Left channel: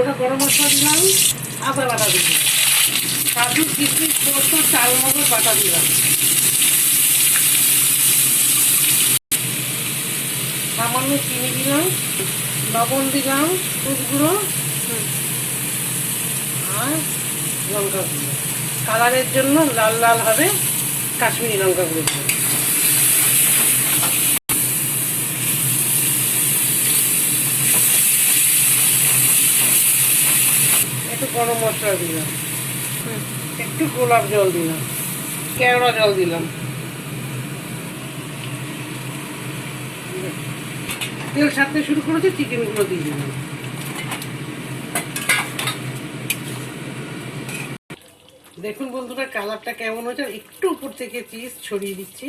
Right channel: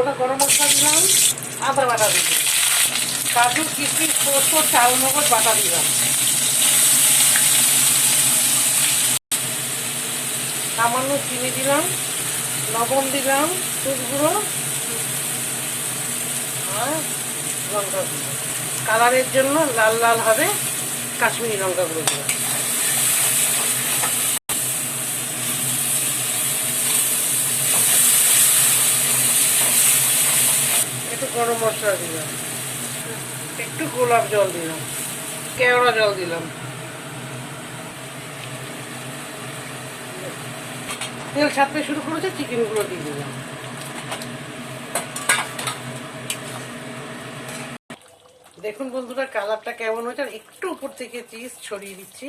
গোটা গরম মশলা দিলাম, আদা বাটা দিলাম, কাজু কিশমিশ পোস্ত চাল মগজ বাটা দিলাম, সামান্য চিনি দিলাম, লবণ দিলাম, হলুদ গুঁড়ো আর লঙ্কা গুঁড়ো। কালারের জন্য লাল লাল হবে কাশ্মীরি লঙ্কা গুঁড়ো দিলাম। একটু গরম মশলা দিলাম, একটু গোলাপ জল দিলাম, কেওড়া জল দিলাম, তেল ছাড়তে শুরু করেছে, চিকেনগুলো দিয়ে দিলাম। দেখুন বন্ধুরা কালারটা কেমন হয়েছে, একটু উপর থেকে চিজ ছড়িয়ে দিচ্ছি।